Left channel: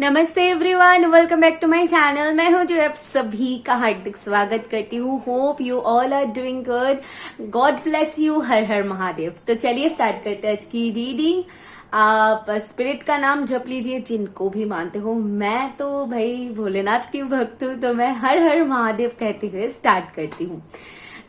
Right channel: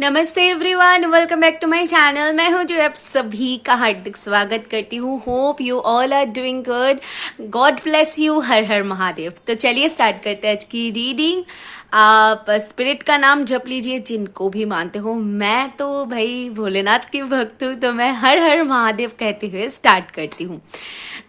नमस्ते everyone, welcome back to my channel. मैं हूं जो आप सभी का हार्दिक स्वागत करती हूं। Hope you all are doing good. God bless you. हर हर महादेव। तो चलिए स्टार्ट करते हैं आज की रीडिंग। आप स्पिरिट का नाम जप लीजिए जिनको भी मानते हो। मैं तो भाई भोलेनाथ की भक्त हूँ, तो मैं हर हर महादेव कहते हुए स्टार्ट करती हूँ।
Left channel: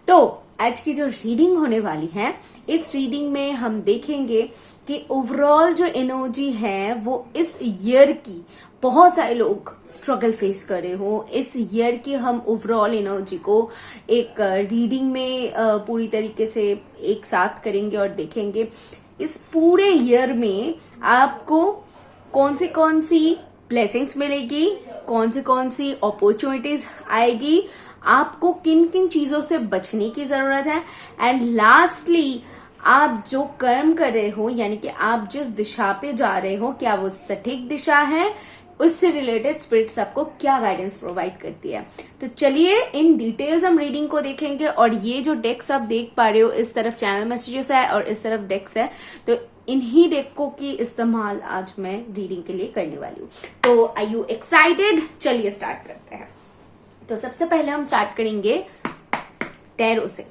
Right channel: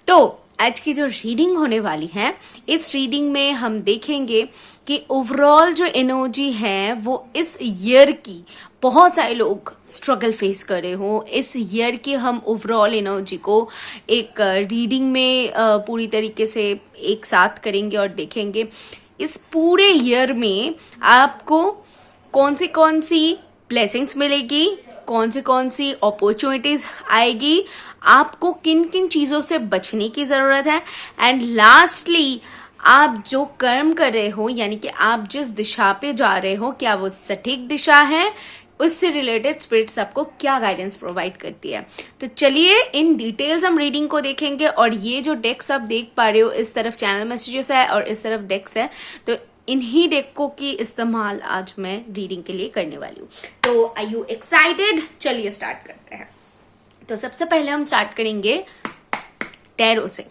तो आज की जो रीडिंग होने वाली है, इस रीडिंग में हम देखेंगे कि ओवरऑल जो एनर्जी है वो इस ईयर की, बहुत सारे लोग स्ट्रगल फेस कर रहे हो, इस ईयर की हम ओवरऑल एनर्जी को एक रीडिंग में पूरी तरीके से एक साथ करेंगे और देखेंगे इस पूरे ईयर में आपको कौन सी ब्लेसिंग्स मिलेगी, कौन सी अपॉर्चुनिटीज आएगी, आपको किन किन चीजों से बचने की जरूरत है, एंड लास्टली आप जो कर्म कर रहे हो, यानी कि आप जिस दिशा पे जा रहे हो, क्या वो सटीक दिशा है, उससे रिलेटेड स्पिरिट्स आपको क्या गाइडेंस प्रोवाइड करती है। तो चलिए इन डिटेल्स हम रीडिंग को देखेंगे। और ये जो डेक्स आप देख पा रहे हो, इस तरफ चैनल मैसेजेस है और इस तरफ डेक्स है, तो इन्हीं डेकों की इस्तेमाल आज मैं रीडिंग के लिए करने वाली हूँ। तो आर यू एक्साइटेड? चलिए स्टार्ट करते हैं। तो सबसे पहले हम स्टार्ट करेंगे टैरो से।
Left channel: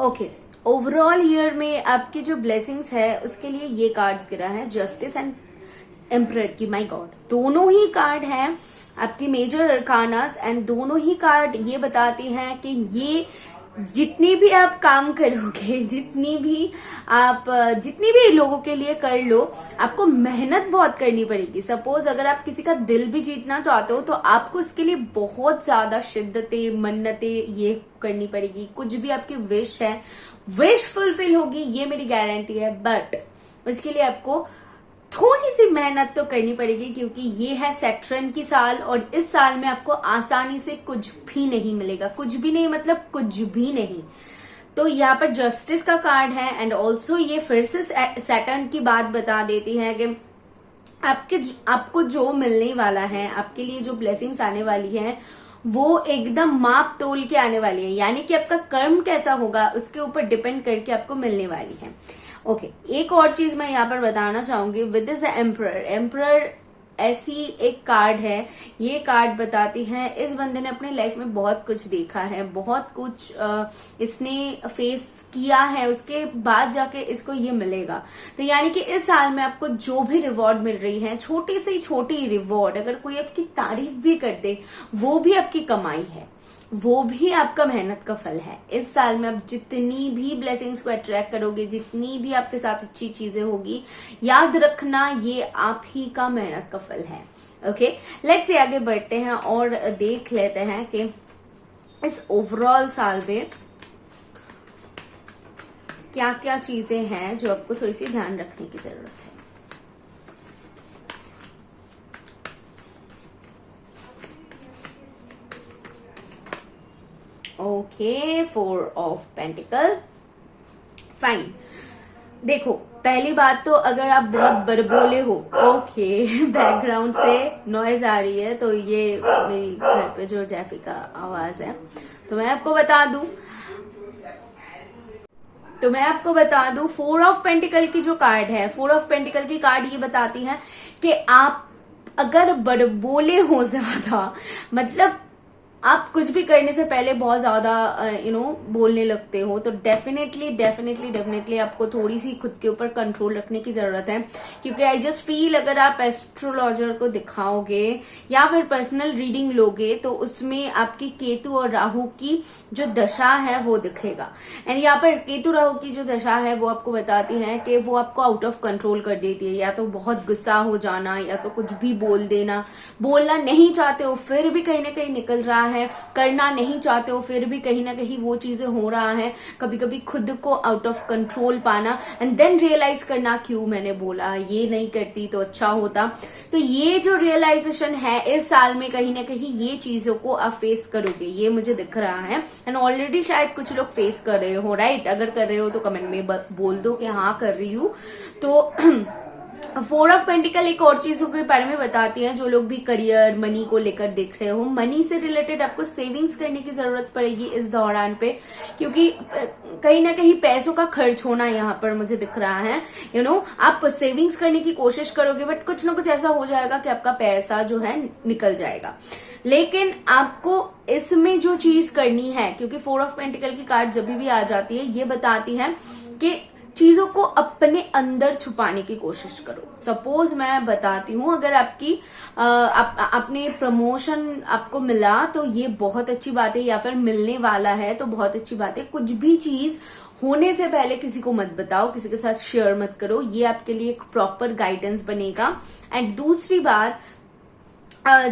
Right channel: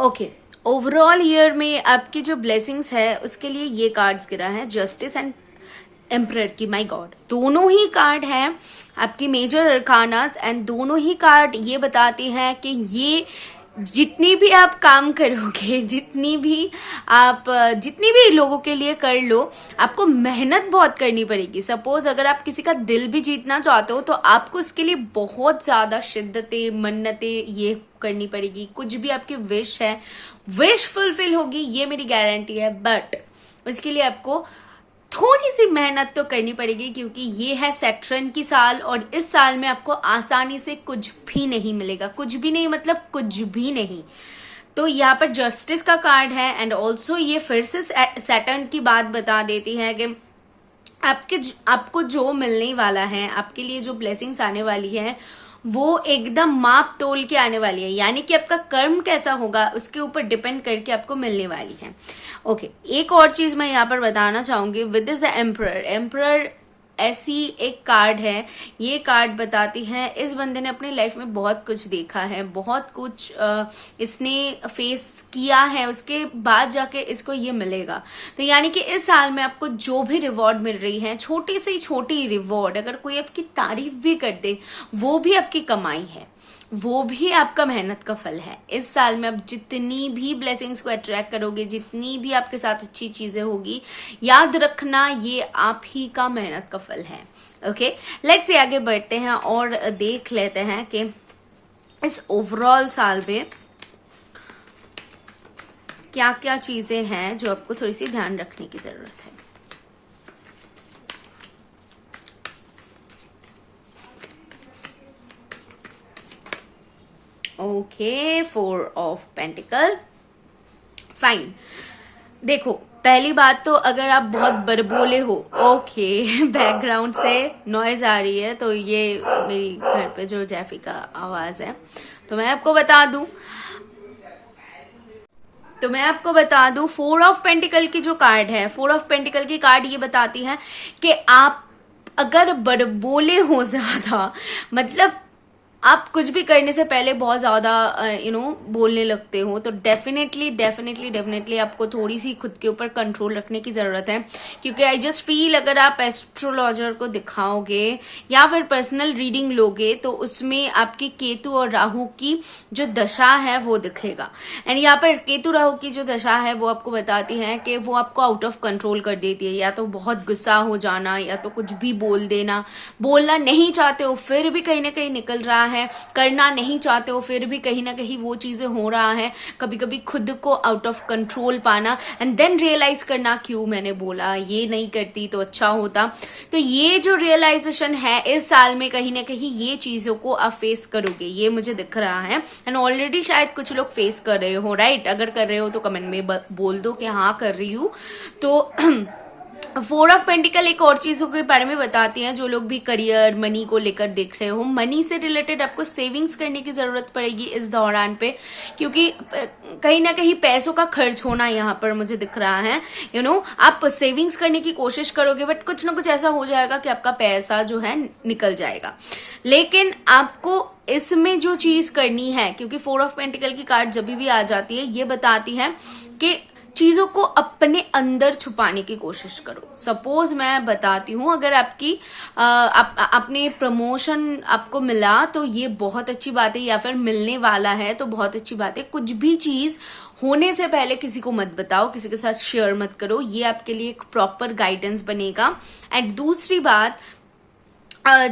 ओके, ओवरऑल ईयर में आपकी जो ब्लेसिंग्स है उसके लिए ये कार्ड्स गिरा है, जस्टिस एंड एम्परर की। माय गॉड, दोनों ही कार्ड हैं आपकी मेजर अरकानास, एंड दोनों ही कार्ड ये बताती है कि ये जितनी भी आप काम करोगे, जितनी भी लोगों के लिए कर लो, आपको मेहनत बहुत करनी पड़ेगी। सपोज अगर आप किसी का दिल भी जीतना चाहते हो तो आपको उसके लिए बहुत ज्यादा शिद्दतें, मन्नतें ये करनी पड़ेगी। कुछ भी आपकी विश है, विश फुलफिल होगी, ये मेरी गारंटी है। बट उसके लिए आपको थोड़ी सी मेहनत तो करनी पड़ेगी, क्योंकि ये है सैटर्न की साल, और इस साल में आपको आसानी से कुछ भी नहीं मिलेगा। कुछ भी नहीं मतलब कुछ भी नहीं। तो यहाँ पर जस्टिस का कार्ड है, एंड ऑल्सो ये फिर से सैटर्न की बात बता देती है कि आपको जो मिलने वाला है, आपके लिए जो ब्लेसिंग्स आने वाली है, वो एकदम माप तोल के आने वाली है। यानी कि आपका कर्म कैसा होगा उसके ऊपर डिपेंड करके आपको मिलने वाली है। ओके, एक और चीज मैं यहाँ पर बताना चाहूंगी। With is the emperor. Emperor ऐसी एक कार्ड है, ये कार्ड बताती है इस बंदे ने अपनी लाइफ में बहुत कुछ देखा है, बहुत कुछ इसने फेस किया है, उसके बाद जाके इसको ये मिलेगा। तो यानी कि इस साल में आपको जो भी रिवॉर्ड मिल रही है, छोटी से छोटी रिवॉर्ड, अगर कोई आपकी तारीफ भी कर दे, वो भी आपकी कमाई है, वो भी आपका मेहनत का फल है। इस साल में आप जितनी भी ब्लेसिंग्स को अट्रैक्ट करोगे, जितनी भी आपके साथ अच्छी चीजें होगी, याद रखना ये आप ही का मेहनत का फल है। ओके, लेट्स से आगे बढ़ते हैं और देख लेते हैं कि इस ओवरऑल साल में क्या क्या चीजें हैं जो आपको थोड़ी सी ध्यान रखने की जरूरत है। Okay, 4 of pentacle. फाइन। देखो, पहली बात तो अगर आप बहुत बड़बोले हो, ओके बैकग्राउंड से नॉइज आ रही है, तो ये मेरी घर पे जो जैफी का आवाज है। तो मैं आपको बता दूं 4 ऑफ पेंटिकल की जो कार्ड है, 4 ऑफ पेंटिकल की कार्ड ये बताती है कि आप अगर बड़बोले हो ज्यादा, मतलब आप कुछ भी करने से पहले बहुत ज्यादा बोलने लगते हो, तो डेफिनेटली आपको थोड़ी सी खुद के ऊपर कंट्रोल रखने की जरूरत है। क्योंकि आई जस्ट फील अगर आप एस्ट्रोलॉजर को दिखाओगे या फिर पर्सनल रीडिंग लोगे, तो उसमें आपकी केतु और राहु की जो दशा है वो दिखेगा। एंड यहाँ पर केतु राहु की जो दशा है वो आपको बताती है कि वो आपको आउट ऑफ कंट्रोल कर देती है, या तो बहुत गुस्सा हो जाना, या तो कुछ भी बोल देना, बोलना नहीं चाहते हो फिर भी कहीं ना कहीं निकल रहा है, करना नहीं चाहते हो फिर भी कहीं ना कहीं वो चीजें हो रहा है, कभी कभी खुद को आउट ऑफ कंट्रोल पाना एंड देन रियलाइज करना क्यों मैंने बोला, ये नहीं करती तो अच्छा होता। तो ये जो रियलाइजेशन है इस साल में कहीं ना कहीं ये चीजों को आप फेस करोगे, ये मुझे दिख रहा है। एंड ऑलरेडी शायद कुछ लोग फेस कर रहे हो, राइट? अगर कर रहे हो तो कमेंट में बोल दो कि हाँ कर रही हूँ। तो 4 ऑफ पेंटिकल एक और चीजों के बारे में बताती है, जो लोग भी करियर मनी को लेकर देख रहे हो, मनी से रिलेटेड आपको सेविंग्स करने की जरूरत पड़ेगी इस दौरान पे, क्योंकि कहीं ना कहीं पैसों का खर्च होना यहाँ पर मुझे दिख रहा है। आप सेविंग्स करने की कोशिश करोगे बट कुछ ना कुछ ऐसा हो जाएगा कि आपका पैसा जो है निकल जाएगा। लेकिन आपको इसमें जो चीज करनी है, क्योंकि 4 ऑफ पेंटिकल की कार्ड जब भी आ जाती है ये बताती है कि चीजों को अपने अंदर छुपाने की कोशिश करो। सपोज मैं बताती हूँ, अगर आपने प्रमोशन आपको मिला तो ये बहुत अच्छी बात है, या फिर मिलने वाला है तो बहुत अच्छी बात है। कुछ भी चीज होने से पहले किसी को मत बताओ, किसी के साथ शेयर मत करो, ये आपके लिए एक प्रॉपर गाइडेंस बनेगा। एंड दूसरी बात,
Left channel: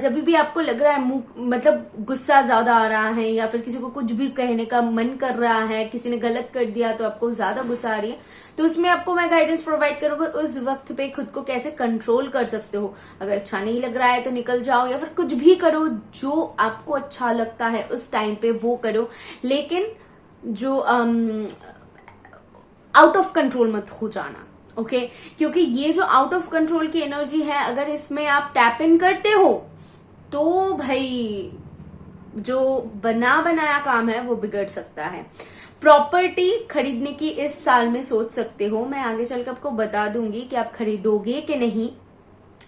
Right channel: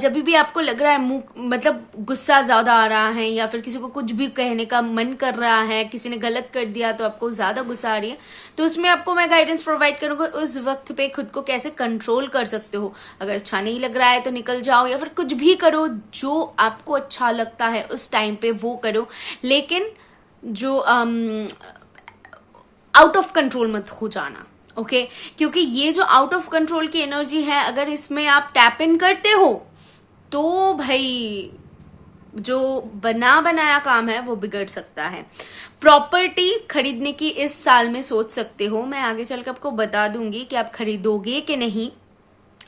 जब भी आपको लग रहा है मतलब गुस्सा ज्यादा आ रहा है, या फिर किसी को कुछ भी कहने का मन कर रहा है, किसी ने गलत कर दिया तो आपको ज्यादा गुस्सा आ रही है, तो उसमें आपको मैं गाइडेंस प्रोवाइड करूंगा उस वक्त पे खुद को कैसे कंट्रोल कर सकते हो। अगर अच्छा नहीं लग रहा है तो निकल जाओ, या फिर कुछ भी करो जो आपको अच्छा लगता है उस टाइम पे वो करो, लेकिन जो आउट ऑफ कंट्रोल मत हो जाना। ओके क्योंकि ये जो आउट ऑफ कंट्रोल की एनर्जी है, अगर इसमें आप टैप इन करते हो तो भाई जो बना बनाया काम है वो बिगड़ सकता है। प्रॉपर्टी खरीदने की इस साल में सोच सकते हो, मैं आगे चलकर आपको बता दूंगी कि आप खरीदोगे कि नहीं,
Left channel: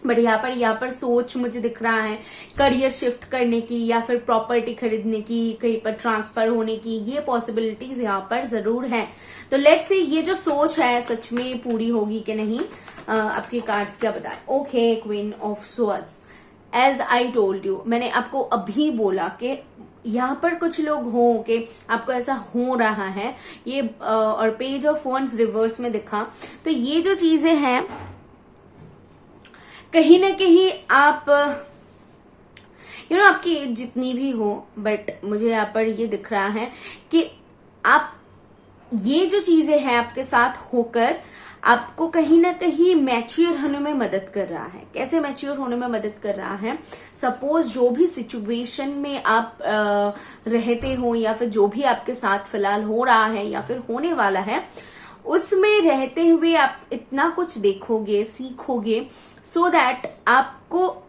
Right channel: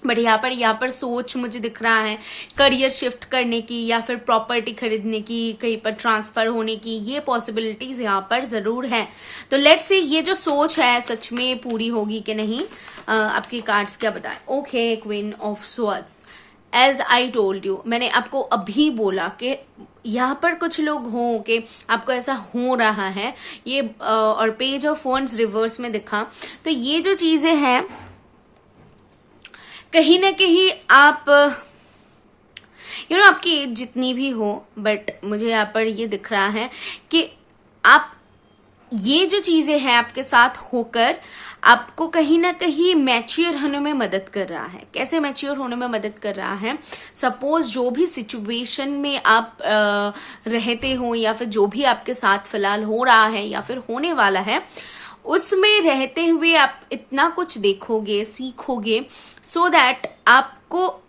बट यहाँ पर सोच मुझे दिख रहा है करियर शिफ्ट करने की, या फिर प्रॉपर्टी खरीदने की, कहीं पर ट्रांसफर होने की, ये पॉसिबिलिटीज यहाँ पर जरूर है। तो लेट्स सी ये जो सोच है सच में पूरी होगी कि नहीं। आपकी कार्ड्स क्या बताएं। Okay, queen of swords, as I told you, मैंने आपको अभी बोला कि यहाँ पर कुछ लोग हो कि आपको ऐसा हो रहा है ये, और पेज ऑफ वॉन्ड्स रिवर्स में दिखा। तो ये जो चीजें हैं कहीं ना कहीं आप आपकी एज जितनी भी हो, बट मुझे यहाँ पर ये दिख रहा है कि आप ये जो चीजें हैं आपके साथ होकर आपको कहीं ना कहीं मैच्योर होने में मदद कर रहा है। कैसे मैच्योर होने में मदद कर रहा है? सपोज जो भी सिचुएशन में आप रहते हो, या फिर जो भी आपके साथ फिलहाल हो रहा है या फिर होने वाला है, उसमें रहते हुए आप इतना कुछ देखोगे, सीखोगे, सो दैट आपको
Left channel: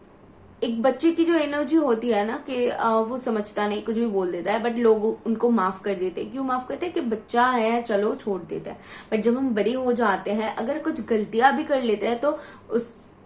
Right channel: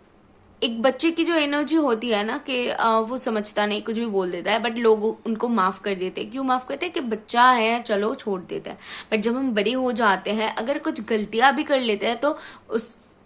एक बच्चे की जो एनर्जी होती है ना कि वो समझता नहीं, कुछ भी बोल देता है, बट लोग उनको माफ कर देते हैं। क्यों माफ करते हैं? कि बच्चा है, चलो छोड़ देते हैं। बट जब हम बड़े हो जाते हैं, अगर कुछ गलतियां भी कर लेते हैं तो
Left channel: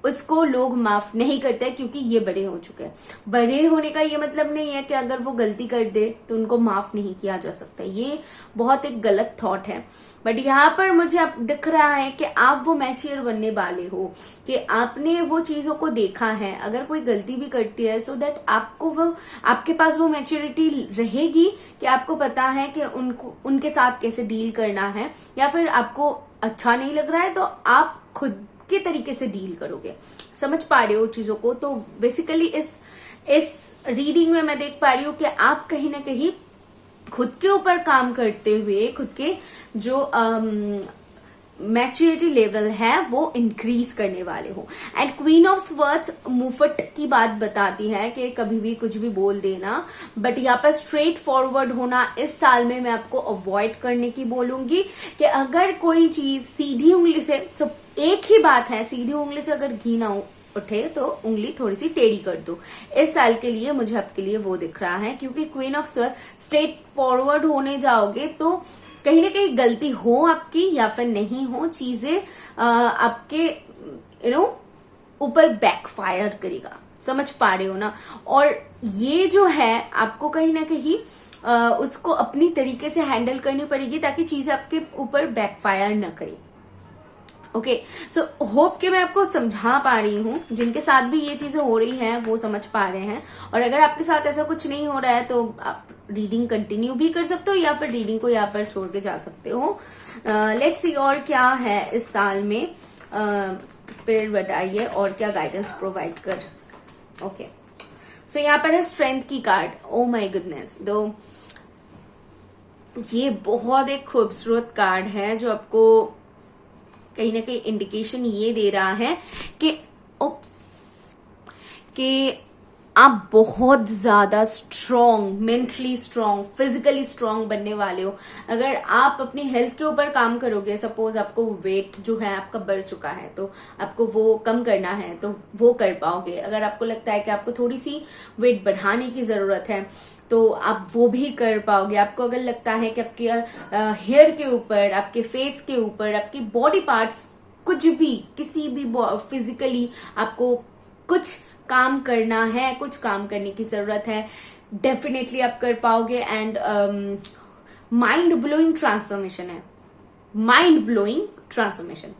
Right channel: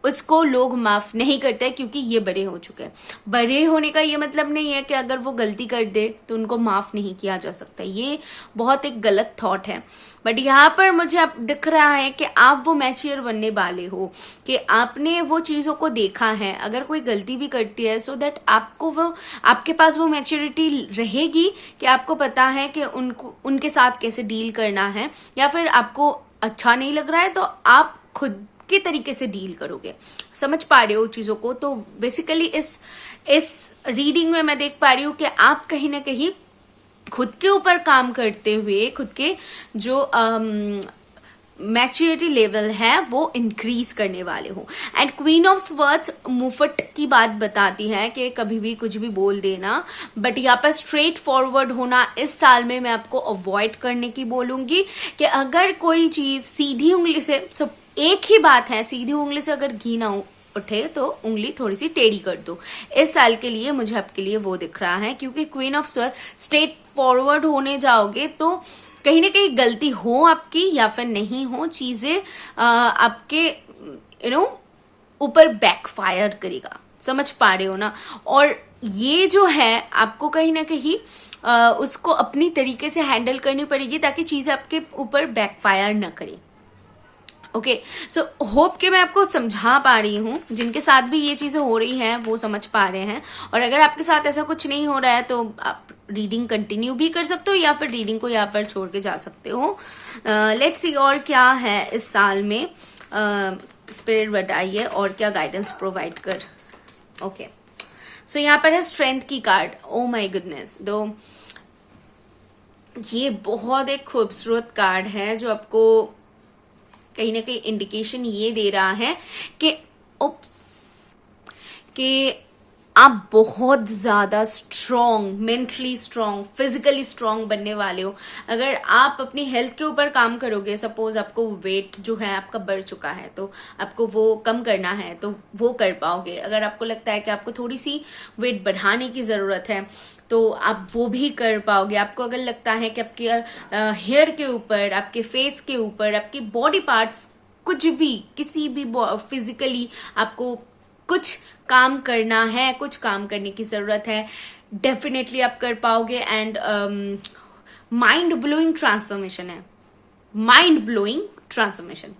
उसको लोग माफ नहीं करते हैं, क्योंकि ये बड़े हो चुके हैं। बड़े होने का ये मतलब नहीं है कि अगर वो गलती कर दे तो उनको माफ नहीं किया जा सकता। ये बहुत एक गलत थॉट है। बट यहाँ पर मुझे अब दिख रहा है कि आप वो मैच्योर बनने वाले हो, कि आपने वो चीजों को देखा है। अगर कोई गलती भी करती है, सो दैट आपको वो, आपके पास वो मैच्योरिटी रहेगी कि आपको पता है कि उनके साथ कैसे डील करना है, या फिर आपको अच्छा नहीं लग रहा है तो आप खुद के तरीके से डील करोगे। समझ पा रहे हो चीजों को? तो बेसिकली इस रीडिंग में मैं देख पा रही हूँ कि आप कहीं ना कहीं खुद के ऊपर काम करते हुए खुद के जो मैच्योरिटी लेवल है वो इंक्रीज करने वाले हो। एंड क्वीन ऑफ स्वर्ड्स मुफट की बात बताती है कि कभी भी कुछ भी बोल देना, बट यहाँ पर स्ट्रेट फॉरवर्ड होना इस साल में मैं आपको अवॉइड करने की बोलूंगी। कि अगर कोई चीज सीधी उंगली से, सब एक ही बात है, सीधी उंगली से अगर घी ना उठे तो उंगली थोड़ी सी टेढ़ी कर दो। इस साल के लिए मुझे आपके लिए वो दिख रहा है, क्योंकि queen of swords straight forward होने जाओगे तो कहीं ना कहीं गलती हो आपकी या फिर नहीं हो, चीजें आपके ऊपर बैकफायर करेगा। समझ पा रहे हो ना? और ये जो है आपको कहीं ना कहीं उसको अपनी तरीके से हैंडल करनी पड़ेगी ताकि चीजें आपके ऊपर बैकफायर ना करे। ओके, सो होप कि मैं आपको समझा पा रही हूँ। जिनके साथ भी ये चीजें हो रही हैं वो समझ पा रहे हैं, और अगर आपके साथ ऐसा कुछ नहीं हो रहा है तो आप रीडिंग कंटिन्यू भी कर सकते हो, या फिर रीडिंग को यहाँ पर छोड़ के जा सकते हो। लेट्स सी और क्या है इस साल में। स्पिरिट बताइए और क्या गाइडेंस प्रोवाइड कर। ओके, सो यहाँ पर है स्ट्रेंथ की कार्ड। ओ माय गुडनेस, दो ये बहुत एक खूबसूरत कार्ड है जो आपको कहीं ना कहीं इंडिकेशन ये दे रहा है कि कि आप बहुत ज्यादा strong, mentally strong, physically strong बनने वाले हो। अगर आप अपनी हेल्थ के ऊपर काम करोगे, सपोज आपको वेट जो है आपका बढ़ चुका है तो आपको वो कम करना है तो वो कर पाओगे। अगर आपको लगता है कि आपको थोड़ी सी वेट बढ़ाने की जरूरत है तो आप वो भी कर पाओगे। आपको अगर लगता है कि आपके हेयर के ऊपर, आपके फेस के ऊपर, आपकी बॉडी पार्ट्स कुछ भी, किसी भी फिजिकली आपको कुछ काम करना है, कुछ काम करने की जरूरत है, डेफिनेटली आप कर पाओगे। एंड माइंड ब्लोइंग ट्रांसफॉर्मेशन है, mind blowing transformation.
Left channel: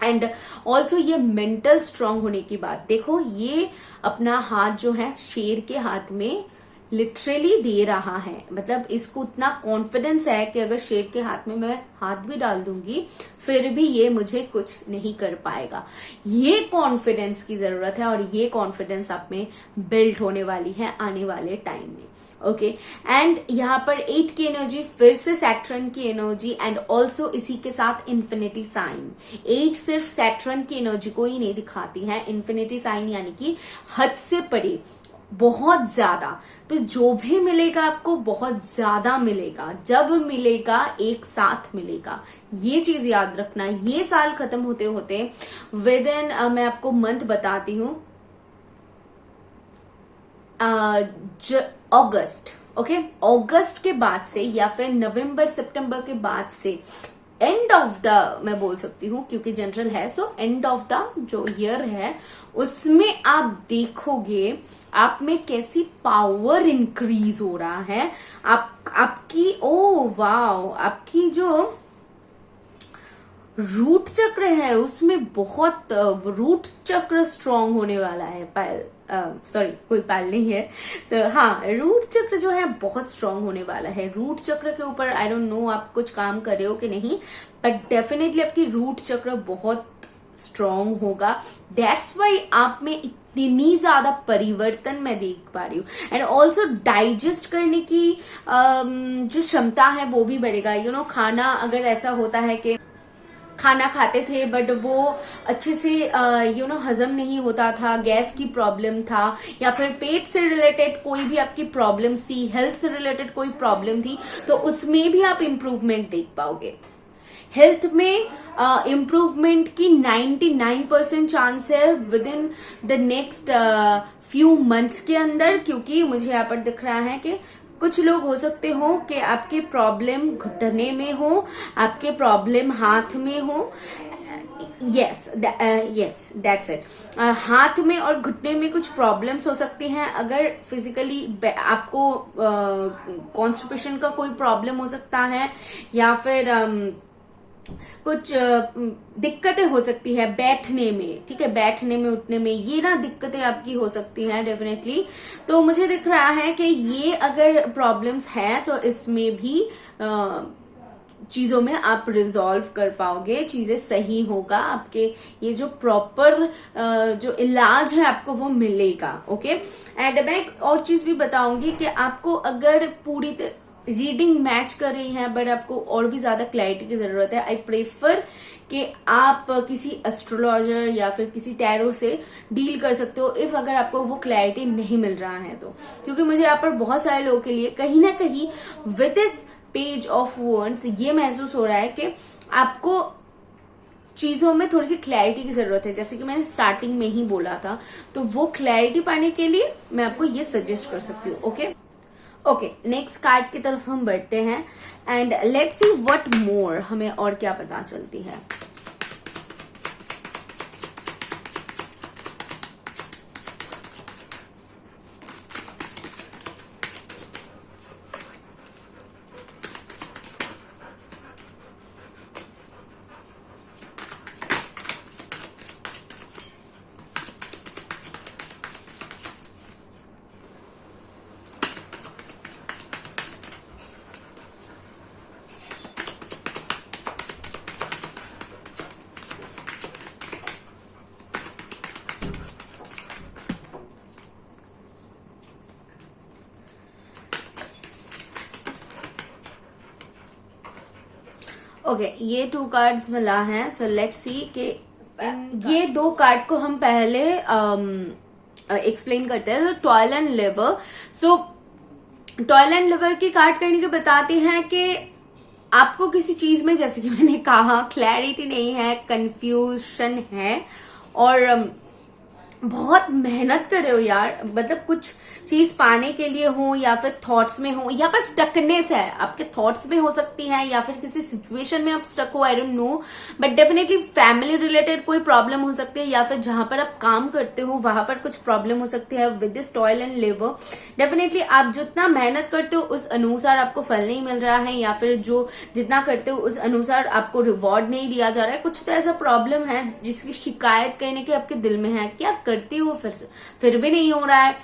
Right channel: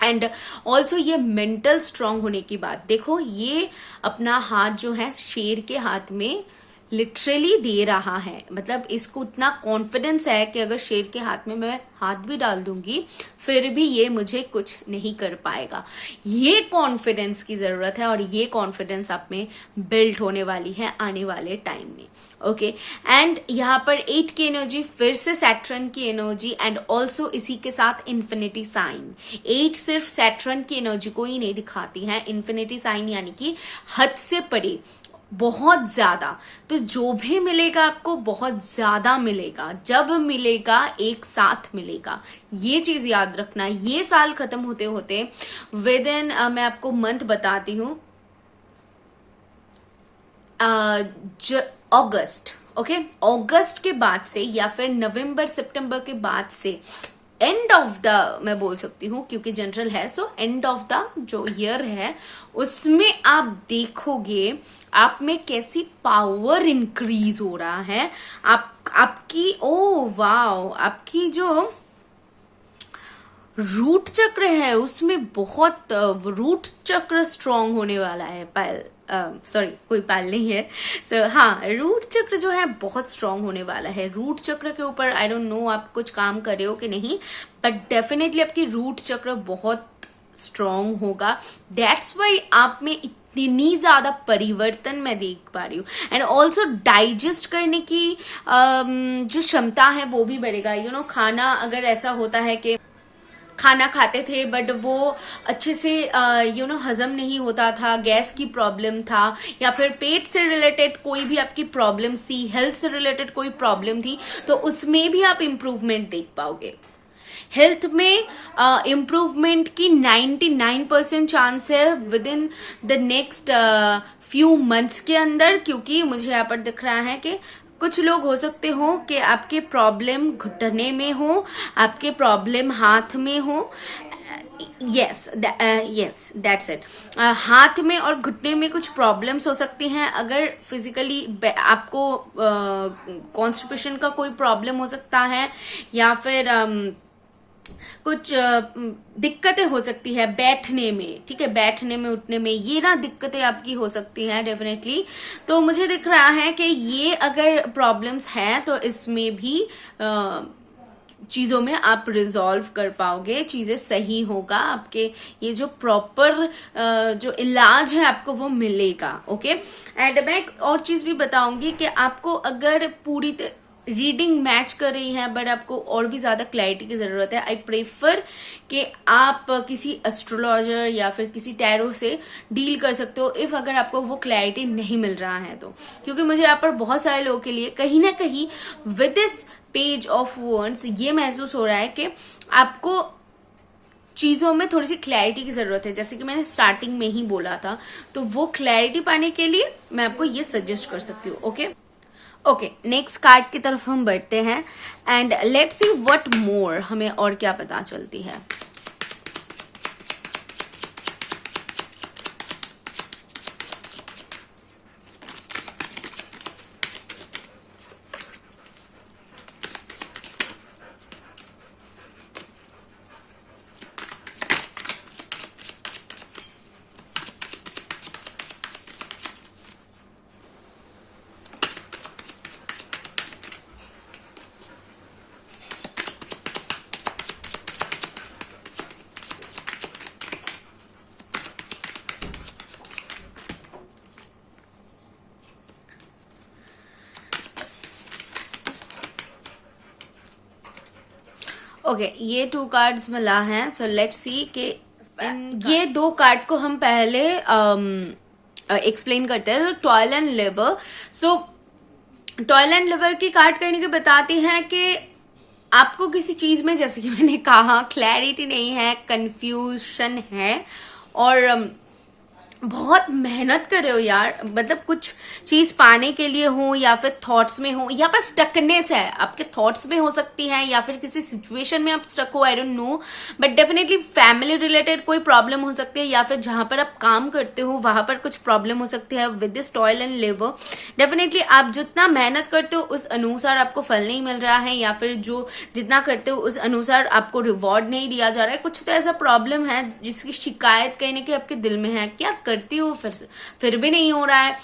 And also ये मेंटल स्ट्रांग होने की बात देखो, ये अपना हाथ जो है शेर के हाथ में लिटरली दे रहा है। मतलब इसको उतना कॉन्फिडेंस है कि अगर शेर के हाथ में मैं हाथ भी डाल दूंगी फिर भी ये मुझे कुछ नहीं कर पाएगा। ये कॉन्फिडेंस की जरूरत है और ये कॉन्फिडेंस आप में बिल्ड होने वाली है आने वाले टाइम में। ओके, एंड यहाँ पर 8 की एनर्जी, फिर से सैटर्न की एनर्जी एंड ऑल्सो इसी के साथ इन्फिनिटी साइन। 8 सिर्फ सैटर्न की एनर्जी को ही नहीं दिखाती है, इन्फिनिटी साइन यानी कि हद से परे, बहुत ज्यादा। तो जो भी मिलेगा आपको बहुत ज्यादा मिलेगा, जब मिलेगा एक साथ मिलेगा, ये चीज याद रखना। ये साल खत्म होते होते विद इन मैं आपको मंथ बताती हूँ, अगस्त। ओके, अगस्त के बाद से या फिर नवंबर सितंबर के बाद से एंड ऑफ द, मैं बोल सकती हूँ क्योंकि जनरल है, सो एंड ऑफ द जो ईयर है उसमें आप देखोगे आप में कैसी पावर इंक्रीज हो रहा है। आपकी ओ वाओ, आपकी जो रूट चक्र है उसमें बहुत रूट चक्र स्ट्रांग होने वाला है। पायल, सॉरी कोई पायल नहीं है, हाँ रूट चक्र जो है बहुत स्ट्रांग होने वाला है। रूट चक्र के ऊपर आई डोंट नो आप कुछ काम कर रहे हो कि नहीं, बट डेफिनेटली आपकी रूट चक्र बहुत स्ट्रांग होगा। दैट्स वाई आप में इतनी ज्यादा परिवर्तन मैं देख पा रही हूँ। एंड ऑल्सो डाइजेस्ट करने की जो क्षमता है वो भी बढ़ेगा। यू नो, खाना अगर ऐसा होता है कि खाना खाते थे बट वो अच्छे से हजम नहीं होता था, गैस की प्रॉब्लम था या फिर पेट से रिलेटेड कोई भी आपकी प्रॉब्लम थी, हेल्थ से रिलेटेड कोई प्रॉब्लम थी, तो उसमें भी आप इम्प्रूवमेंट देख पाओगे। हेल्थ में इम्प्रूवमेंट की 99% चांस है with in the next few months के अंदर, क्योंकि मुझे यहाँ पर दिख रहा है कि कुछ लोग हो सकते हो कि आपके प्रॉब्लम घुटने में हो, आपके प्रॉब्लम हाथ में हो। Yes yes, that's it. हाथ में और घुटने में कुछ प्रॉब्लम्स हो सकती हैं। अगर फिजिकली आपको कॉन्स्टिपेशन का कोई प्रॉब्लम हो सकता है या फिर कुछ दिक्कतें हो सकती है बैठने में, ठीक है, बैठने में, उठने में, ये ना दिक्कतें आपकी हो सकती हैं डेफिनेटली। तो मुझे दिख रहा है कि ये अगर प्रॉब्लम्स हैं तो इसमें भी चीज़ों में आप रिजॉल्व कर पाओगे, चीज़ें सही होगा, आपके ये जो प्रॉपर जो इलाज है आपको वो मिलेगा। ओके, एंड मैं एक और चीज़ भी बताऊंगी कि आपको अगर पूरी रीडिंग मैच कर रही है बट आपको और भी ज्यादा क्लैरिटी की जरूरत है, आई प्रेफर कि आप किसी एस्ट्रोलॉजर या फिर किसी टैरो से डील कर सकते हो इफ अगर आपको वो क्लैरिटी नहीं मिल रहा है तो। क्योंकि मुझे यहाँ पर बहुत सारे लोगों के लिए कहीं ना कहीं with this page of words ये महसूस हो रहा है कि आपको चीजों में थोड़ी सी क्लैरिटी की जरूरत है, जैसे कि मैंने स्टार्टिंग में ही बोला था। तो वो क्लैरिटी पाने के लिए मैं आपको ये सजेस्ट कर सकती हूँ। ओके, नेक्स्ट कार्ड की तरफ हम बढ़ते हैं and let's see what more, हमें और क्या पता चलती है। ओके, ये 2 कार्ड्स मिला है। सो लेट्स सी कि ये 2 कार्ड को हम पहले एक्सप्लेन करते हैं। Toil and labour. So toil and labour की कार्ड कहीं ना कहीं बताती हैं कि आपको किसी चीज में, जैसे कि मैंने कहा, क्लैरिटी नहीं है, कंफ्यूजन है और बहुत मेहनत कर रहे हो यार। मतलब कुछ चीज पाने के लिए हो या फिर थॉट्स में हो, या पर स्टकनेस है, आपके थॉट्स में हो सकती है या फिर किसी सिचुएशन में आप स्टक हो, I don't know, but definitely family related कोई प्रॉब्लम हो सकती है, या फिर जहां पर आप काम करते हो वहां पर कुछ प्रॉब्लम हो सकती है with this toil and labour. Definitely आप जितना मेहनत करते हो उस अनुसार आपको फल नहीं मिल रहा है, या फिर जो जितना करते हो उस अनुसार आपको रिवॉर्ड नहीं दिया जा रहा है। कुछ तो ऐसा प्रॉब्लम है जिसकी शिकायत कहने की आपके दिल में है कि आप करती हो फिर भी नहीं हो रहा है।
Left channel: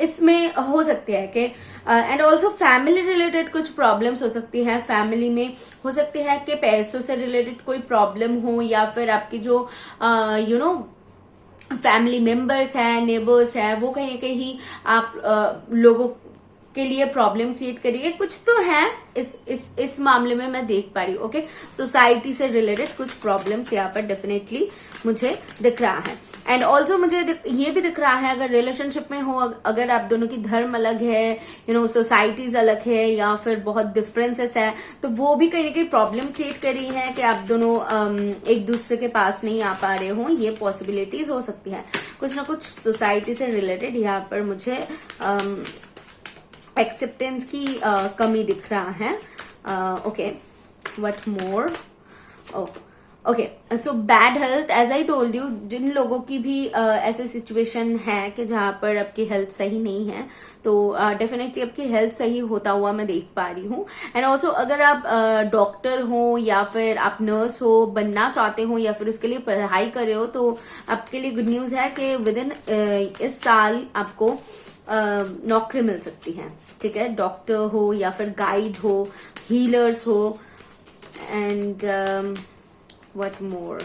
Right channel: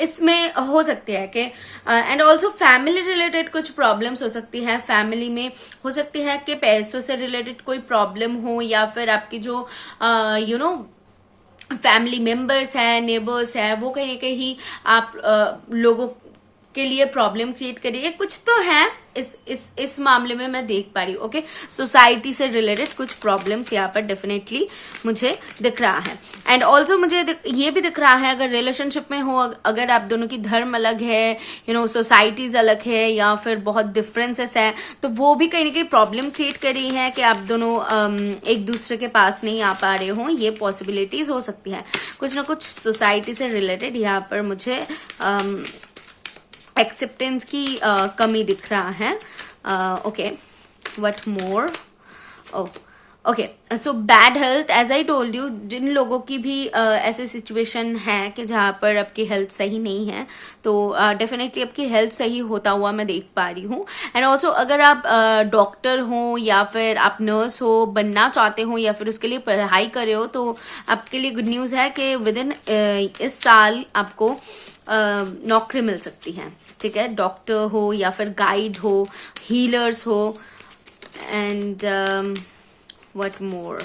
इसमें हो सकती है कि एंड ऑल्सो फैमिली रिलेटेड कुछ प्रॉब्लम्स हो सकती है। फैमिली में हो सकती है कि पैसों से रिलेटेड कोई प्रॉब्लम हो, या फिर आपकी जो यू नो फैमिली मेंबर्स है, नेबर्स है, वो कहीं ना कहीं आप लोगों के लिए प्रॉब्लम क्रिएट करिए। कुछ तो है इस मामले में मैं देख पा रही हूँ। ओके, सोसाइटी से रिलेटेड कुछ प्रॉब्लम्स यहाँ पर डेफिनेटली मुझे दिख रहा है। एंड ऑल्सो मुझे ये भी दिख रहा है, अगर रिलेशनशिप में हो, अगर आप दोनों की धर्म अलग है, सोसाइटीज अलग है, या फिर बहुत डिफरेंसेस है, तो वो भी कहीं ना कहीं प्रॉब्लम क्रिएट कर रही है कि आप दोनों एक दूसरे के पास नहीं आ पा रहे हो। ये पॉसिबिलिटीज हो सकती है। कुछ ना कुछ सोसाइटी से रिलेटेड यहाँ पर मुझे एक्सेप्टेंस की कमी दिख रहा है। Okay, what more? Okay, so bad health, as I told you, जिन लोगों की भी ऐसे सिचुएशन है कि जहाँ पर आपकी हेल्थ सही नहीं है, तो डेफिनेटली आपकी हेल्थ सही होता हुआ मैं देख पा रही हूँ। एंड ऑल्सो अगर आप डॉक्टर हो, या फिर आप नर्स हो, बनना चाहते हो, या फिर उसके लिए पढ़ाई कर रहे हो, तो आपके लिए गुड न्यूज़ है कि विद इन इस साल आपको नौकरी मिल सकती है। ठीक है, डॉक्टर हो या फिर गाइड हो, हीलर्स हो, एंड व्हाट मोर,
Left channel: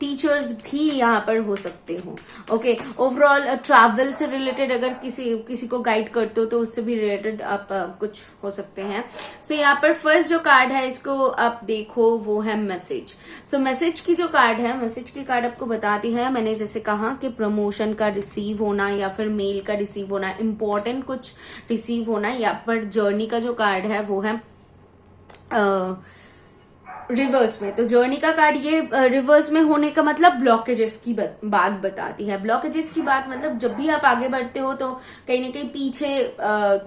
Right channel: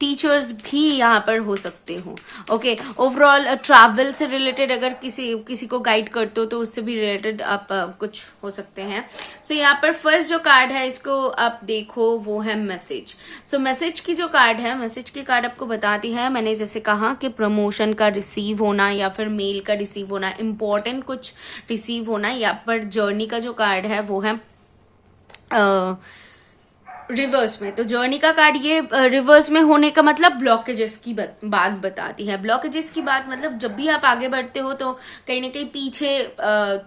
टीचर्स भी यहाँ पर हो सकते हो। ओके, ओवरऑल ट्रैवल से रिलेटेड अगर किसी को गाइड करते हो तो उससे भी रिलेटेड आप कुछ हो सकते हैं। सो यहाँ पर फर्स्ट जो कार्ड है, इसको आप देखो, वो है मैसेज। सो मैसेज की जो कार्ड है, मैसेज की कार्ड आपको बताती है, मैंने जैसे कहा कि प्रमोशन का रिसीव होना, या फिर मेल का रिसीव होना, इंपॉर्टेंट कुछ रिसीव होना। यहाँ पर जर्नी का जो कार्ड है वो है रिवर्स में। तो जर्नी का कार्ड ये रिवर्स में होने का मतलब ब्लॉकेजेस की बात बताती है। ब्लॉकेजेस की बात मतलब जब भी आप आगे बढ़ते हो तो कहीं ना कहीं पीछे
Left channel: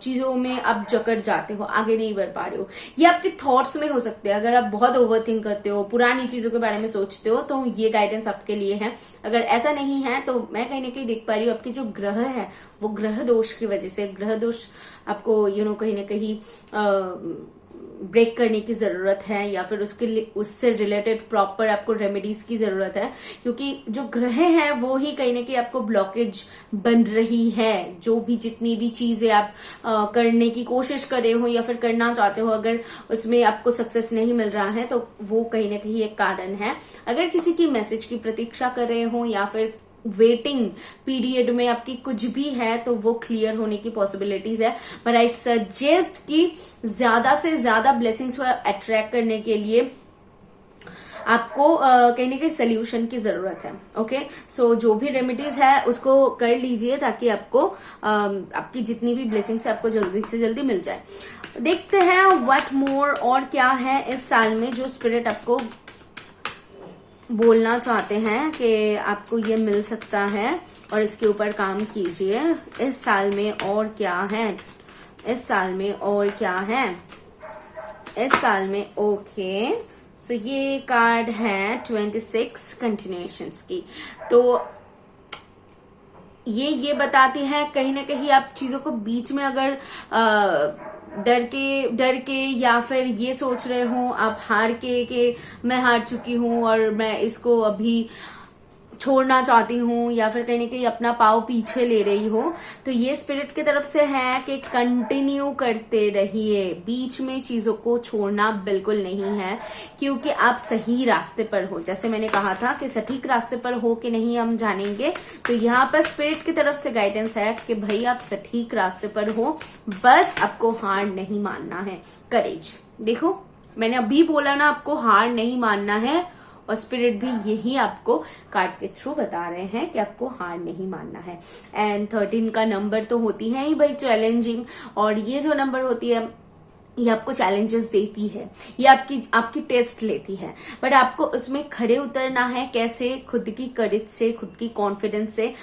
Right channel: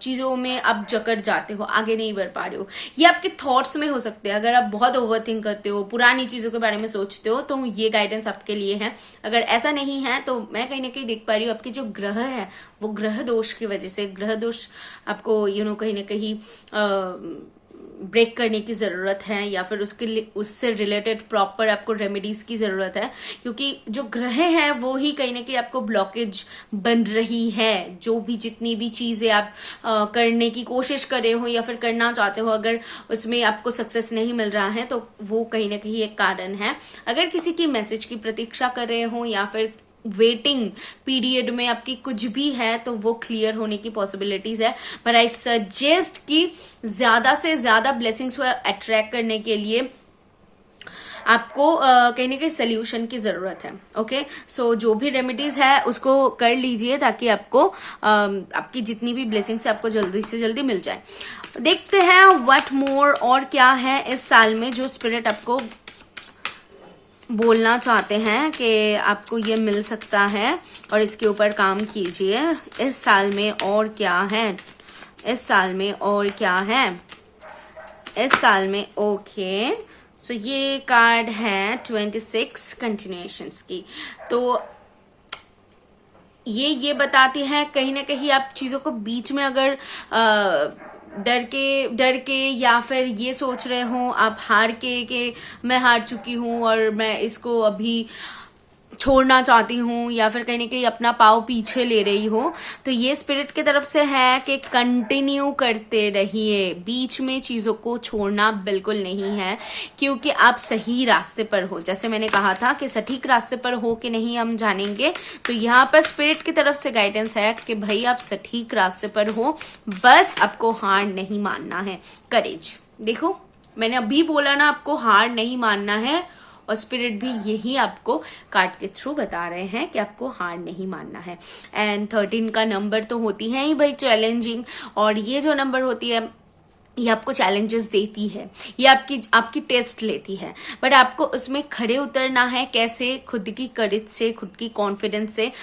चीजों में आप जकड़ जाते हो, आगे नहीं बढ़ पा रहे हो। ये आपके थॉट्स में हो सकते हैं। अगर आप बहुत ओवरथिंक करते हो, पुरानी चीजों के बारे में सोचते हो, तो ये गाइडेंस आपके लिए है। अगर ऐसा नहीं है तो मैं कहीं ना कहीं देख पा रही हूँ आपके जो ग्रह है वो ग्रह दोष की वजह से, ग्रह दोष आपको कहीं ना कहीं ब्रेक करने की ज़रूरत है, या फिर उसके लिए उससे रिलेटेड प्रॉपर आपको रेमेडीज की ज़रूरत है, क्योंकि जो ग्रह है वो ही कहीं ना कहीं आपको ब्लॉकेज बन रही है। जो भी जितनी भी चीज़ें आप करने की कोशिश कर रहे हो या फिर करना चाहते हो, अगर उसमें आपको सक्सेस नहीं मिल रहा है तो वो कहीं ना कहीं एक कारण है। अगर किसी की मैसेज की प्रतीक्षा कर रहे हो, या फिर वेटिंग पीरियड में आपकी कुछ भी है, तो वो क्लियर होने की पॉसिबिलिटीज है। बट आई सजेस्ट कि ज्यादा से ज्यादा ब्लेसिंग्स को अट्रैक्ट करने के लिए आपको कहीं ना कहीं सोल्यूशन की जरूरत है। ओके, सो जो भी रेमेडीज है उसको कर लीजिए, ताकि आपको आपकी जितनी भी ब्लेसिंग्स है आपको जल्दी से जल्दी मिल जाए। देखते हैं व्हाट मोर, और क्या है इस साल में जो स्पिरिट आपको बोलना चाहते हैं कि आपको ये मिल सकता है, और इसके ऊपर काम कीजिए। इस साल में और क्या है, इस साल में और क्या है, इस साल में। ओके, सो ये कार्ड है 26 कंटिन्यूएशंस की। तो ये बताती है कहीं ना कहीं आप चीज़ों को बीच में अगर डर के या फिर ये सोच रहे हो आप हार के मैं हार चुकी हूँ और मैं इसको अभी छोड़ना चाहती हूँ, या फिर कहीं ना कहीं अपना पाँव पीछे ले रही हो, तो ये स्पिरिट की तरफ से है कि कंटिन्यू करते रहिए। बीच में चीज़ों को छोड़ना बिल्कुल नहीं है, क्योंकि आप सही रास्ते पर हो। जैसे मैंने कहा था कि सटीक रास्ते पर हो कि नहीं हम जानेंगे, तो यहाँ पर स्पिरिट की तरफ से गाइडेंस है कि भाई आप सटीक रास्ते पर हो, बस आपको हार नहीं मानना है। करेज देखो, मैंने अभी बोला ना, आपको हार नहीं मानना है, और स्पिरिट भी यही आपको कार्ड के थ्रू बता रहे हैं कि आपको हार नहीं मानना है। एंड 13 का नंबर तो होती है ही भाई चैलेंजिंग, और ये जो नंबर होती है ये आपको चैलेंजेस देती है, ये आपकी आपकी टेस्ट लेती है, बट आपको उसमें खड़े उतरना है। कैसे? खुद की करेज से, खुद की कॉन्फिडेंस से,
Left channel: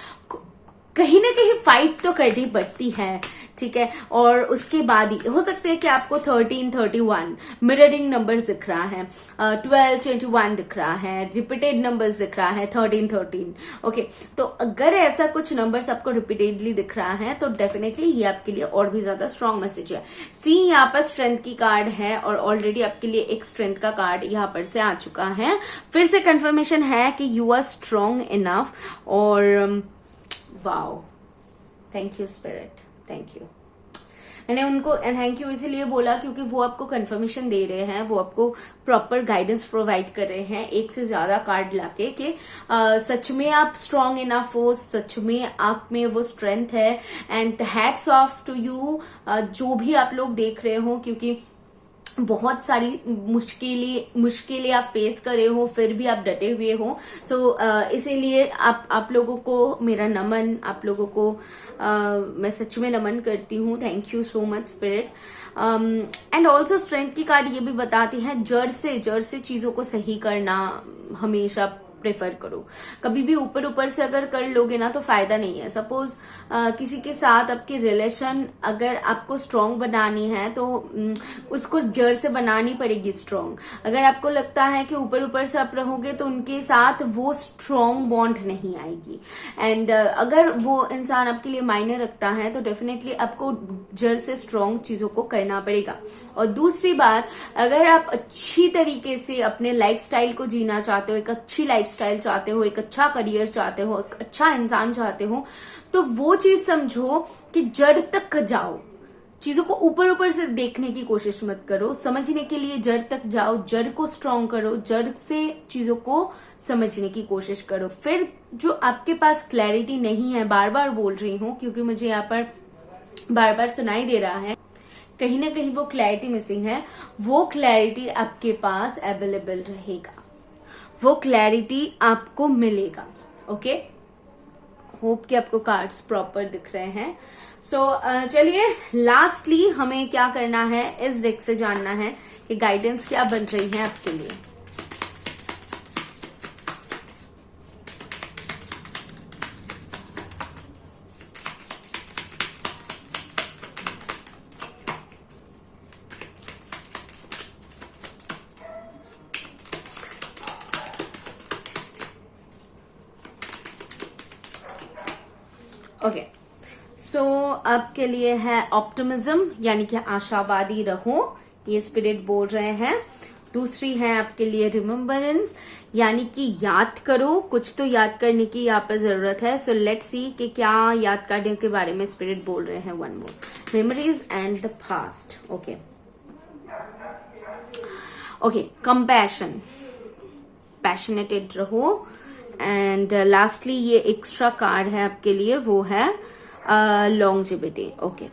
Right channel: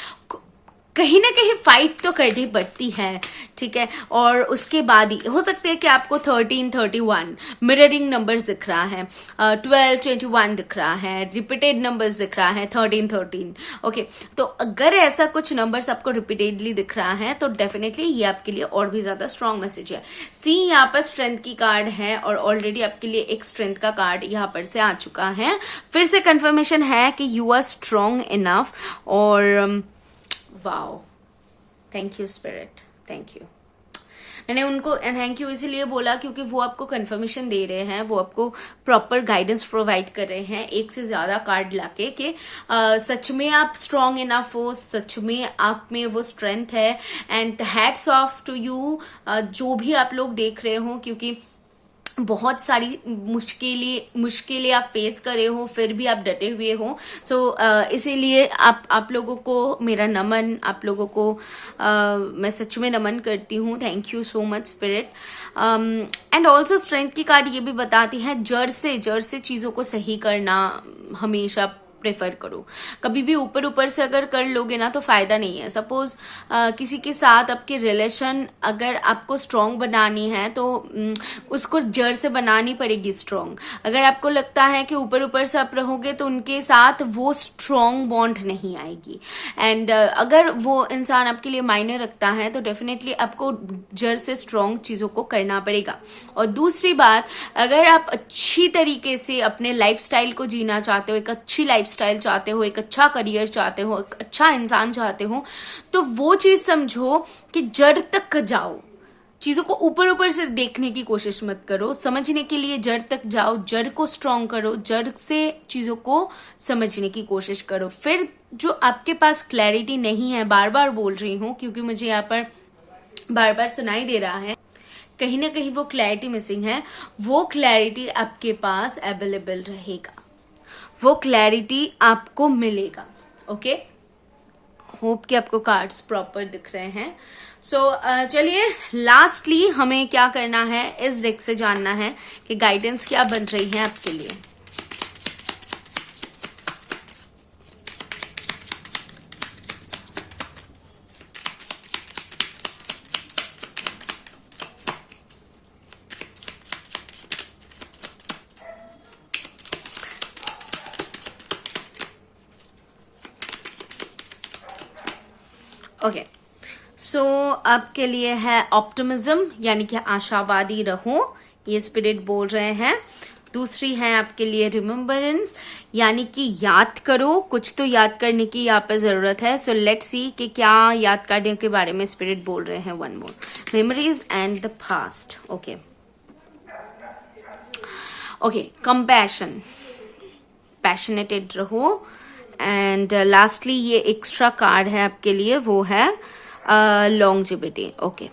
कहीं ना कहीं फाइट तो करनी पड़ती है, ठीक है। और उसके बाद ही हो सकता है कि आपको 13, 31 मिररिंग नंबर्स दिख रहा है, 12, 21 दिख रहा है, रिपीटेड नंबर्स दिख रहा है, 13, 13। ओके, तो अगर ऐसा कुछ नंबर्स आपको रिपीटेडली दिख रहा है तो डेफिनेटली ये आपके लिए और भी ज्यादा स्ट्रॉन्ग मैसेज है। सी, यहाँ पर स्ट्रेंथ की कार्ड है, और ऑलरेडी आपके लिए एक स्ट्रेंथ का कार्ड यहाँ पर से आ चुका है। फिर से कंफर्मेशन है कि यू आर स्ट्रॉन्ग इनफ, और wow, thank you spirit, thank you. मैंने उनको थैंक यू इसीलिए बोला क्योंकि वो आपको कंफर्मेशन दे रहे हैं, वो आपको प्रॉपर गाइडेंस प्रोवाइड कर रहे हैं एक से ज्यादा कार्ड लाके कि सच में आप स्ट्रॉन्ग इनफ हो, सच में आप में वो स्ट्रेंथ है। And hats off to you, जो भी आप लोग देख रहे हो, क्योंकि बहुत सारी मुश्किलें आप फेस करे हो, फिर भी आप डटे हुए हो। सो इसीलिए आप लोगों को मेरा नमन, आप लोगों को मैं सच में नमन करती हूँ। Thank you so much spirit. And also strength की कार्ड ये भी बताती है जड़ से चीज़ों को सही करना हमेशा प्रेफर करो। कभी भी ऊपर ऊपर से अगर कर लोगे ना तो फायदा नहीं है। सपोज किसी के साथ आपकी रिलेशन अगर आपको स्ट्रॉन्ग बनानी है तो उसको जड़ से बनानी पड़ेगी स्ट्रॉन्ग। अगर आपको लगता है कि ऊपर ऊपर से आप रहोगे तो उनके साथ वो स्ट्रॉन्ग बॉन्ड नहीं आएगी। एंड अगर वो इंसान आपके लिए मायने रखता है तो डेफिनेटली आपको जड़ से स्ट्रॉन्ग चीज़ों को करना पड़ेगा। और दूसरी बात, अगर आप अच्छी तरीके से अपने लाइफस्टाइल को जीना चाहते हो, एक अच्छी लाइफस्टाइल चाहते हो, एक अच्छा करियर चाहते हो, एक अच्छा इंसान चाहते हो, तो वो चीज समझो कि जड़ तक जाओ। चीजों को ऊपर ऊपर से देखने की कोशिश मत करो, समझने के लिए जड़ तक जाओ, जड़ को स्ट्रॉन्ग करो, जड़ से चीजों को समझने की कोशिश करो। फिर जो आपके पास क्लैरिटी नहीं है, बार बार बोल रही हूँ क्योंकि मुझे यहाँ पर बार बार सुनाई दे रहा है, कहीं ना कहीं वो क्लैरिटी मिसिंग है, वो क्लैरिटी आपके पास अवेलेबल रहेगा, वो क्लैरिटी आपको मिलेगा। ओके, होप कि आपको कार्ड्स प्रॉपर दिख रहे हैं। सो चलिए, लास्टली हमें क्या करना है, इस डेक से जानना है कि गाइडेंस क्या बन रही है आपके लिए। ओके, सो आपके लिए है ऑप्टिमिज्म, यानी कि आशावादी रहो, ये स्पिरिट बोल रहे हैं। दूसरी है आपके लिए रिमेम्बरेंस, यानी कि याद करो, कुछ तो याद करने की यहाँ पे जरूरत है। सो लेट्स सी कि क्या याद करने के बारे में स्पिरिट बोल रहे हैं। One more, memories and the past. Okay okay, compassion, passionated रहो। एंड लास्टली ये एक्स्ट्रा कार्ड है आपके लिए, वो है लॉन्जेविटी। ओके,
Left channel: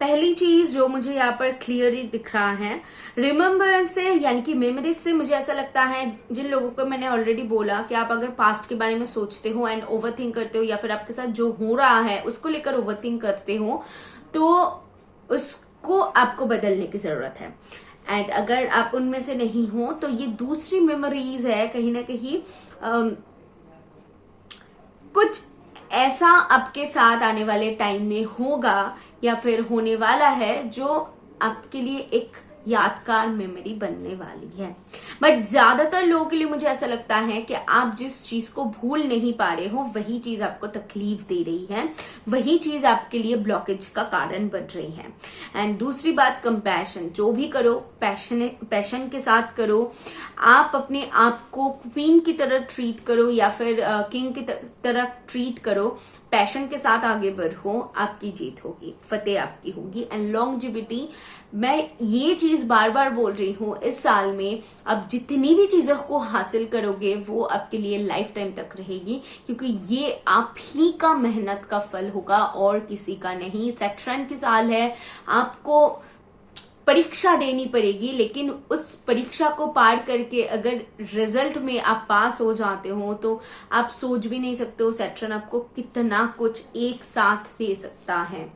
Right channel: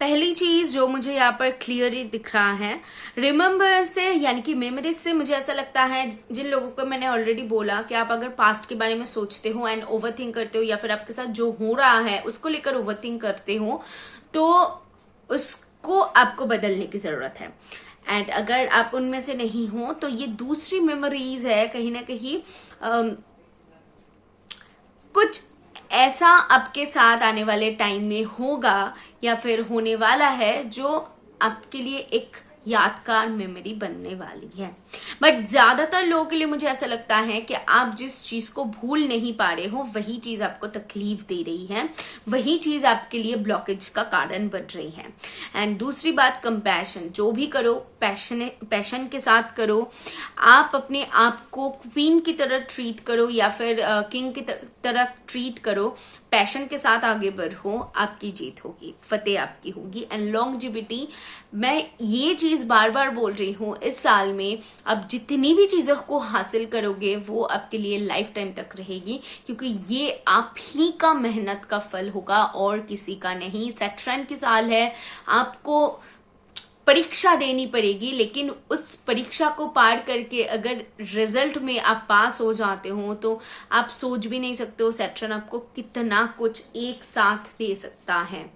पहली चीज जो मुझे यहाँ पर क्लियरली दिख रहा है, रिमेम्बरेंस से यानी कि मेमोरीज से मुझे ऐसा लगता है, जिन लोगों को मैंने ऑलरेडी बोला कि आप अगर पास्ट के बारे में सोचते हो एंड ओवरथिंक करते हो, या फिर आपके साथ जो हो रहा है उसको लेकर ओवरथिंक करते हो, तो उसको आपको बदलने की जरूरत है। एंड अगर आप उनमें से नहीं हो तो ये दूसरी मेमोरीज है, कहीं ना कहीं कुछ ऐसा आपके साथ आने वाले टाइम में होगा या फिर होने वाला है जो आपके लिए एक यादगार मेमोरी बनने वाली है। बट ज्यादातर लोगों के लिए मुझे ऐसा लगता है कि आप जिस चीज को भूल नहीं पा रहे हो वही चीज आपको तकलीफ दे रही है, वही चीज आपके लिए ब्लॉकेज का कारण बन रही है। एंड दूसरी बात, कंपैशन, जो भी करो पैशन के साथ करो। आप अपने आप को क्वीन की तरह ट्रीट करो या फिर किंग की तरह ट्रीट करो, पैशन के साथ आगे बढ़ो, आपकी जीत होगी, फतेह आपकी होगी। एंड लॉन्जेविटी, मैं ये चीज बार बार बोल रही हूँ, इस साल में आप जितनी भी चीजों को हासिल करोगे वो आपके लिए लाइफ टाइम तक रहेगी, क्योंकि ये आप ही का मेहनत का फल होगा और किसी का नहीं। सैटर्न की साल है, आपको परीक्षा देनी पड़ेगी, लेकिन उस परीक्षा को पार करके अगर रिजल्ट में आप पास हो जाते हो तो आप सोच भी नहीं सकते हो सैटर्न आपको कितना कुछ एक साथ दे सकता है।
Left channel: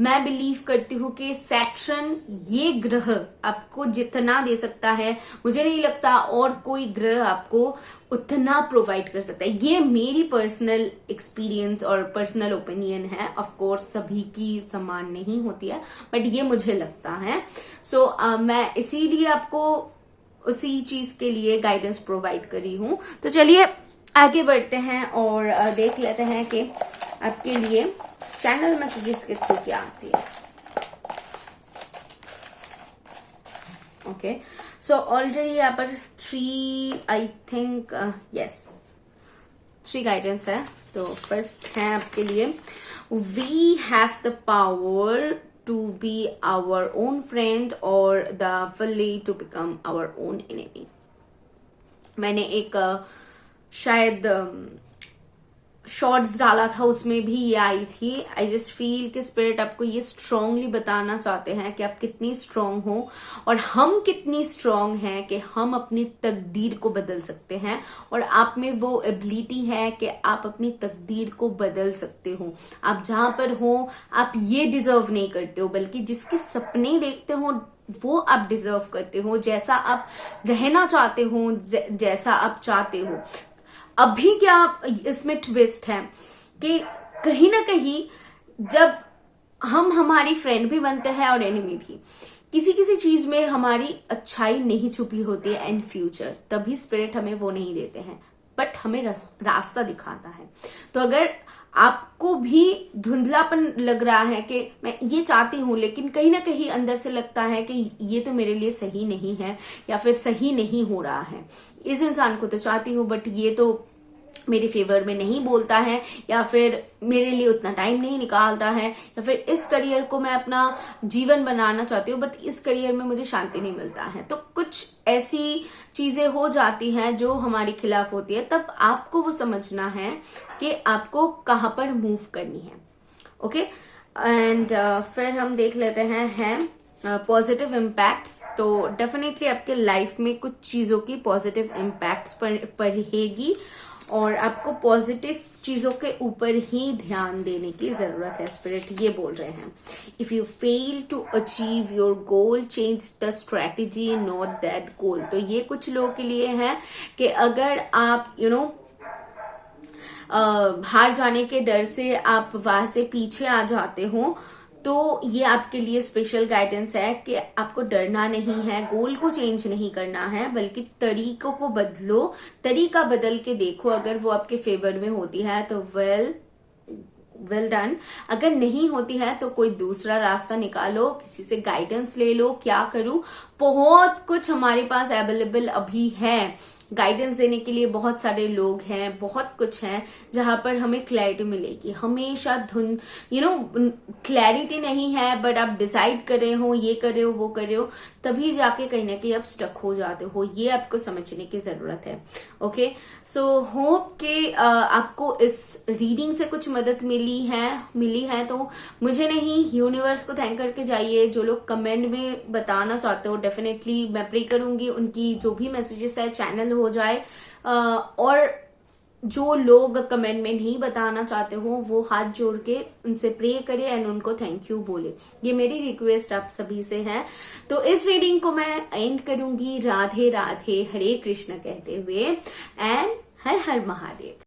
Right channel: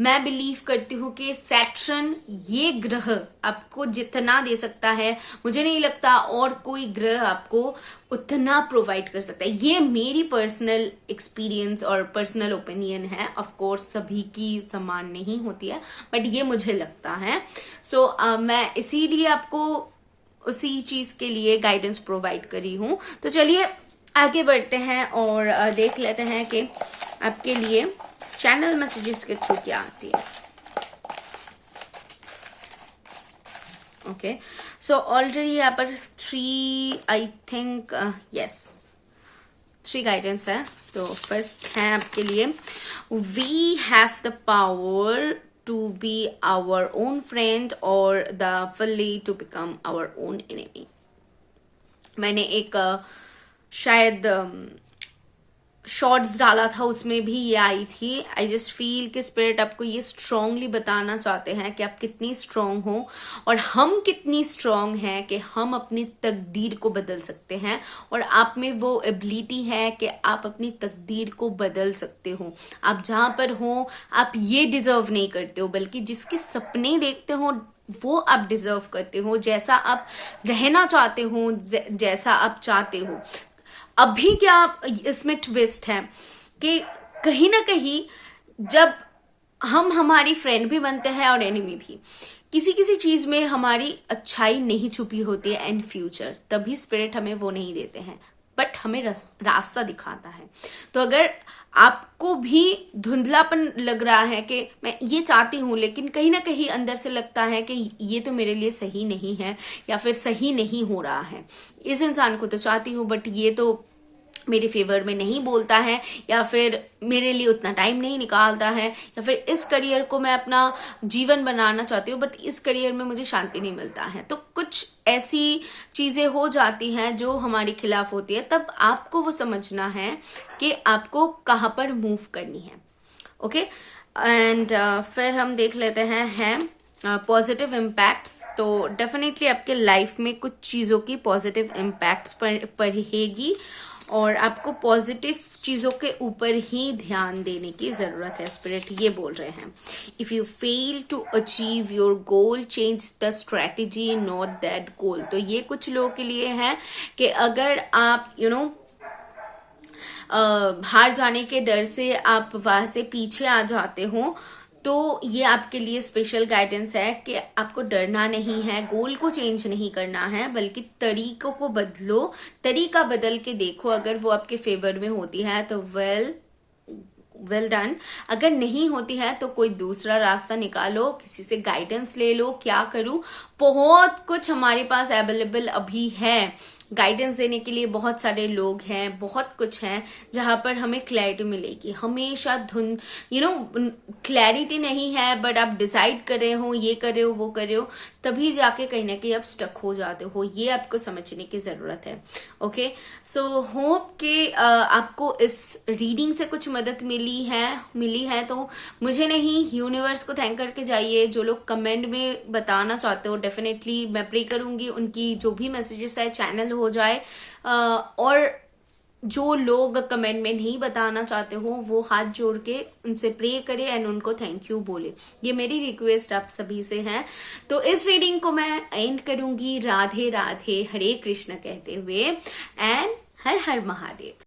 मैं बिलीव करती हूँ कि सैटर्न ये ग्रह आपको जितना दे सकता है, मुझे नहीं लगता और कोई ग्रह आपको उतना प्रोवाइड कर सकता है। ये मेरी पर्सनल एक्सपीरियंस और पर्सनल ओपिनियन है। ऑफ कोर्स सभी की समान नहीं होती है, बट ये मुझे लगता है। सो मैं इसीलिए आपको उसी चीज के लिए गाइडेंस प्रोवाइड करी हूँ। तो चलिए आगे बढ़ते हैं और देख लेते हैं कि आपके लिए चैनल मैसेजेस के थ्रू क्या आती है। ओके, सो ऑलरेडी यहाँ पर 3 आई थिंक यस 3 गाइडेंस है। तो फर्स्ट है आपके लिए, we have the power to be our own friend और the fully to become our own enemy. मैंने एक शायद शॉर्ट्स डाला था, उसमें भी ये आई थी। आई जस्ट फील कि स्पिरिट आपको ये स्ट्रांगली बताना चाहते हैं कि आप कितनी स्ट्रांग हो और हम कितनी स्ट्रांग हैं कि हम अपनी तकदीर को बदल सकते हैं, और आप में वो एबिलिटी है कि आप अपनी तकदीर को बदल सकते हो। आप जहां पर हो आप ये डिजर्व नहीं करते हो, बल्कि जिसके सपने देखते हो वो आप डिजर्व करते हो, जैसा आप रहना चाहते हो, जैसा आप चाहते हो। अभी क्या इसमें ट्विस्ट है कि कहीं ना कहीं जब हम हमारी फ्रेंड भी बनते हैं और एनिमी भी, किसी किसी चीज में हमारी अच्छाई नहीं छुपी होती है इन फ्यूचर, तभी स्पिरिट हमें वो नहीं देते हैं, बट हमें रास्ता दिखाता है। तो अगर आपको भी धुंधलापन लग रहा है कि मैं ये चाहती हूँ लेकिन कहीं ना कहीं अंदर से लगता है कि ये तो मेरे लिए सही नहीं है या फिर सही नहीं हो रहा है, इस इंसान को तो चाहती हूँ बट ये तो मेरे फेवर में नहीं बोलता है, या फिर मेरे लिए उतना टाइम नहीं निकालता है, या फिर इस करियर को मैं अपना जीवन बनाना चाहती हूँ बट इस करियर में मुझे शांति नहीं मिलता है। तो कुछ ऐसी चीजें हो जाती हैं जो हमारे खिलाफ होती है, तब आपको वो समझना है कि आपको कहाँ पर मूव करनी है। ओके, एंड फिर हम देख लेते हैं पॉजिटिव इम्पैक्ट्स। तो डेफिनेटली आपके लाइफ में कुछ चीज़ों की पॉजिटिव इम्पैक्ट्स पड़ेगी और आपको पॉजिटिव चीज़ों के ऊपर ही ध्यान देने की ज़रूरत है। स्पिरिट ये बोल रहे हैं, if you fail to achieve your goal change the strategy not that goal. तो ये कुछ लोगों के लिए है कि अगर आप बाहर जाने के डर से आप वहां से पीछे आ जाते हो, तो ये आपके लिए स्पेशल गाइडेंस है कि आपको डरना नहीं है, गोल को चेंज नहीं करना है, बल्कि तरीकों को बदलो, तरीका बदल के देखो। अगर वो आपके फेवर में होती है तो वेल डन, अगर नहीं होती है तो कोई दूसरा रास्ता निकालो, किसी से गाइडेंस ले लो। क्या करूं, बहुत कुछ हमारे पास अवेलेबल अभी है, गाइडेंस देने के लिए बहुत सारे लोग हैं, बहुत कुछ है जहां पर हमें क्लैरिटी मिलेगी। हमेशा क्लैरिटी नहीं है बट आप डिसाइड कर रहे हो, ये कर रहे हो, वो कर रहे हो, तभी जाके कहीं ना कहीं आप स्टक हो जाते हो। ये आपको समझने की जरूरत है। ओके, सो होप कि आपको इस रीडिंग से कुछ मदद मिली है तो मुझे नहीं, यूनिवर्स को थैंक करके जाइए। जो लोग कमेंट में बताना चाहते हो, डेफिनेटली मैं प्रे करूंगी उनकी जो भी मैसेजेस है चैनल हो जाए, और जो लोग कमेंट में नहीं बताना चाहते हो वो हाथ जोड़ के उनसे प्रे करें एंड उनको थैंक यू बोले। ये मेरी रिक्वेस्ट आप सभी से है। तो इस रीडिंग को मैं एंड करूंगी राधे राधे हरे कृष्ण कहते हुए, एंड हर हर महादेव।